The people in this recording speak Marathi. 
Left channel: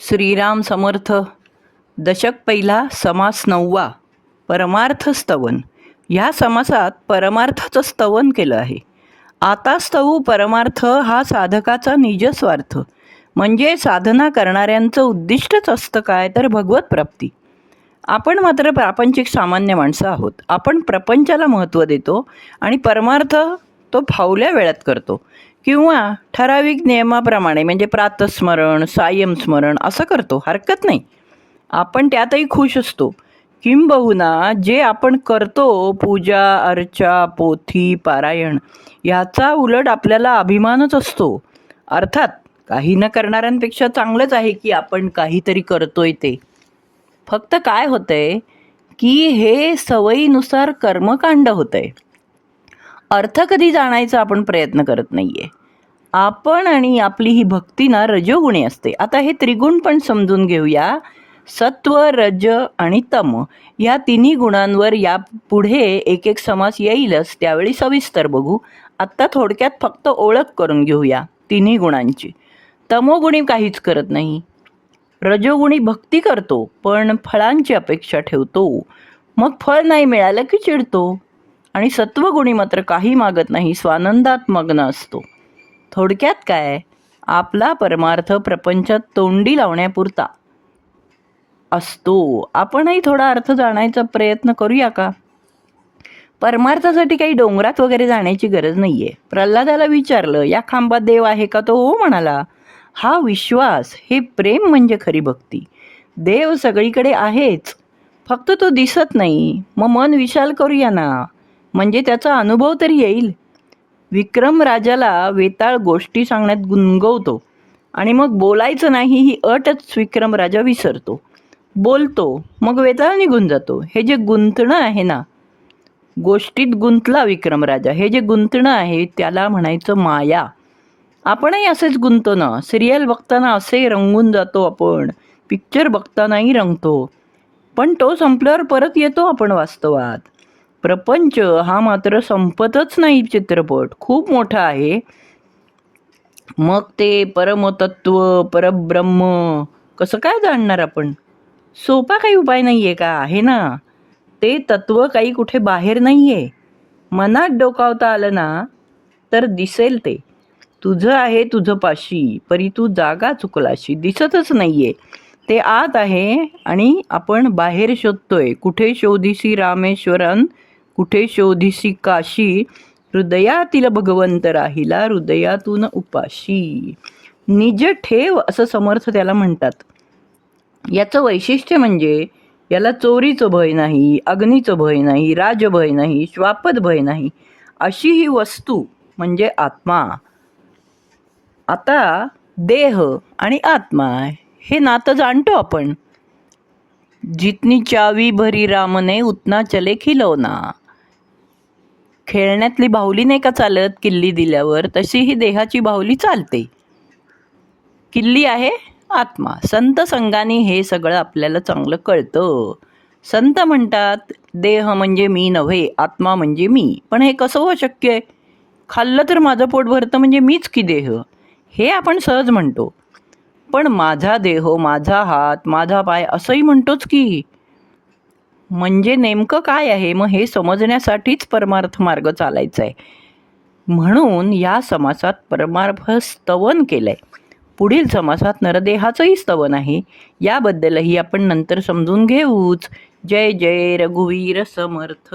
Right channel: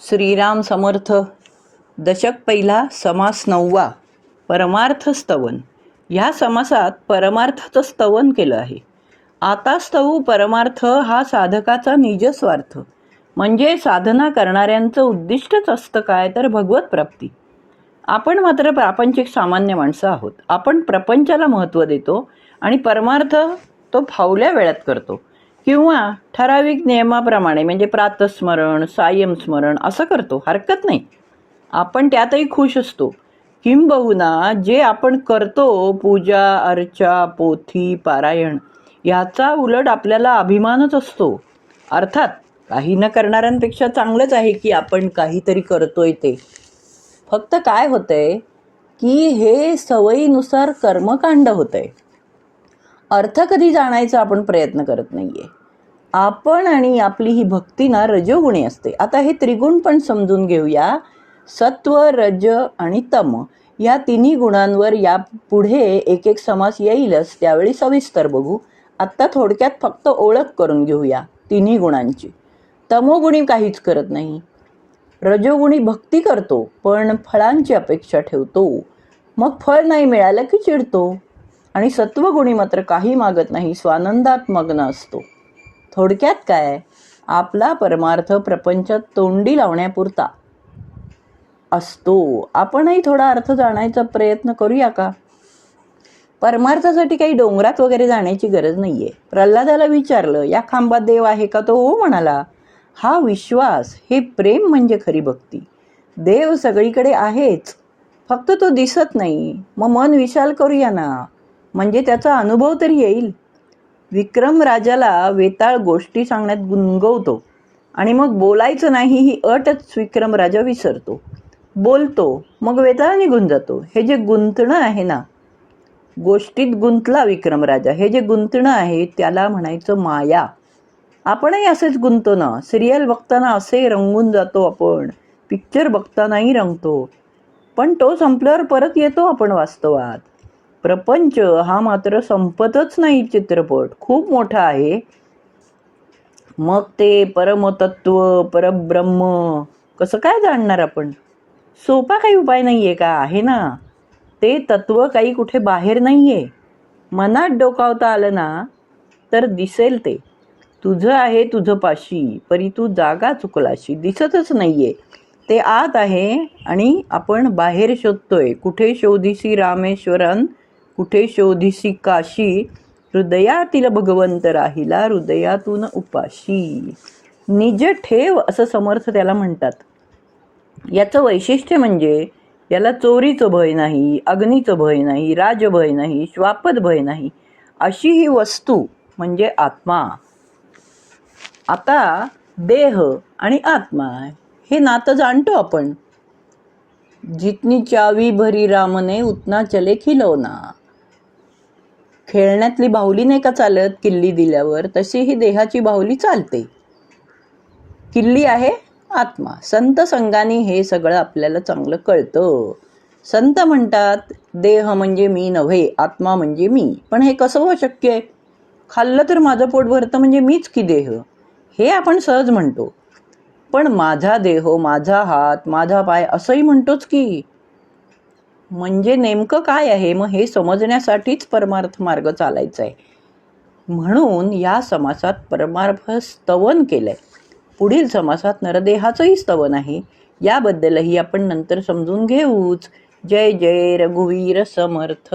श्रीराम समर्थ. दशक पहिला, समास 9वा. परमार्थ स्तवन. ह्या समासात परमार्थाचं स्तवन केलं आहे. आता स्तवू परमार्थ हा साधकाचा निजस्वार्थ, म्हणजे साधना करणाऱ्यांचं उद्दिष्टच असतं काय तर भगवत प्राप्ती. आपण मात्र प्रापंचिक सामान्य माणसं आहोत. आपण प्रपंचाला महत्त्व देतो आणि परमार्थ तो फावल्या वेळात करतो किंवा ठराविक नियमाप्रमाणे, म्हणजे प्रातस्मरण, सायंस्मरण असं करतो. हरकत नाही, आपण त्यातही खुश असतो. किंबहुना जे आपण करतो, पूजा अर्चा, पोथी पारायण, याचा उलट आपल्याला अभिमानच असतो. अर्थात काही न करणाऱ्यांपेक्षा चांगलंच आहे की आपण काहीतरी करतोय ते. फक्त काय होतंय की हे सवयीनुसार कर्मकांड होतंय. अर्थ कधी जाणायचा आपण प्रयत्न करत नाहीये. आपण आणि आपली ही भक्ती ना रजोगुणी असते. आता हे त्रिगुण पण समजून घेऊया. सत्व, रज आणि तम या तिन्ही गुणांवर या पुढे एक एक समास येईलच, त्यावेळी सविस्तर बघू. आत्ता थोडक्यात फक्त ओळख करून घेऊया तिन्ही गुणांची. तमोगुणी काहीच करत नाही. रजोगुणी भक्ती करतो पण फळांची अपेक्षा ठेवतो, मग फळ नाही मिळालं की चिडतो. आणि सत्वगुणी मात्र काही मागत नाही, स्वानंदात मग्न असतो. थोडक्यात काय, आपला परमार्थ प्रपंचात तोंडी लावण्यापुरता असतो. आपणही थोडा अर्थ जाणायचा प्रयत्न करूया का? परमार्थासाठी काही डोंगरात वगैरे जाण्याची गरज नाहीये. प्रल्हादाला विचारलं, या खांबात देव आहे का? तो हो म्हणाला. हा विश्वास, हे प्रेम म्हणजे खरी भक्ती. देव सगळीकडे आहेच, फक्त तो दिसत नाही. मग मन विशाल करूया ना, म्हणजे त्याचा अनुभव तरी येईल. विक्रम राजाला वेताळ गोष्टी सांगण्यात गुंगवतो आणि मग बोलायचं नाही ही अटच विक्रम राजा विसरतो. बोलतो, मग वेताळ निघून जातो. हे जे गुंतणं आहे ना, गोष्टीत गुंतला विक्रम राजा, हे जे गुंतणं आहे त्याला म्हणायचं माया. आपणही असेच गुंतो ना. सिरियल बघताना असे रंगून जातो आपण, पिक्चर बघतानाही रंगतो, पण तो संपल्यावर परत येतो आपण वास्तवात. प्रपंच हा मात्र संपतच नाही. चित्रपट खूप मोठा आहे. मग ते परमतत्व, परब्रह्म कसं काय जाणणार आपण? सोपा काही उपाय नाही आहे का? आहे ना. ते तत्व काही कुठे बाहेर नाही आहे. मनात डोकावता आलं ना तर दिसेल ते. तुझं आहे तुझं पाशी, परी तू जागा चुकलाशी. दिसतच नाही आहे, ते आत आहे आणि आपण बाहेर शोधतोय. कुठे शोधिसी रामेश्वरन, कुठे शोधिसी काशी, हृदयातील भगवंत राहिला हृदयातून उपाशी. निज ठेव असं समर्थ त्याला म्हणतात. याचं वैशिष्ट्य म्हणजे याला चोरीचं भय नाही, अग्नीचं भय नाही, राजभय नाही, श्वापद भय नाही. अशी ही वस्तू म्हणजे आत्मा. आता देह आणि आत्मा हे नातं जाणतो आपण. जितनी चावी भरी रामने उतना चले खिलौना. खेळण्यातली बाहुली नाही का चालत किल्ली दिल्यावर, तशी ही देहाची बाहुली चालते. किल्ली आहे आत्मा. संत संगाने हे सगळं आपल्याला चांगलं कळतं. संत म्हणतात देह म्हणजे मी नव्हे, आत्मा म्हणजे मी. पण हे कसं हो शक्य आहे? खाल्लं तर माझं पोट भरतं म्हणजे मीच की देह, हे आपण सहज म्हणतो. पण माझा देह, माझा हात, माझा पाय असंही म्हणतोच की. म्हणजे नेमकं काय आहे? मग हे समजण्यासाठीच परमार्थ मार्ग चालायचा आहे. म्हणून या समासात परमार्थ स्तवन केलंय. पुढील समासात नरदेहाचंही स्तवन आहे. याबद्दलही आपण नंतर समजून घेऊच. जय जय रघुवीर समर्थ.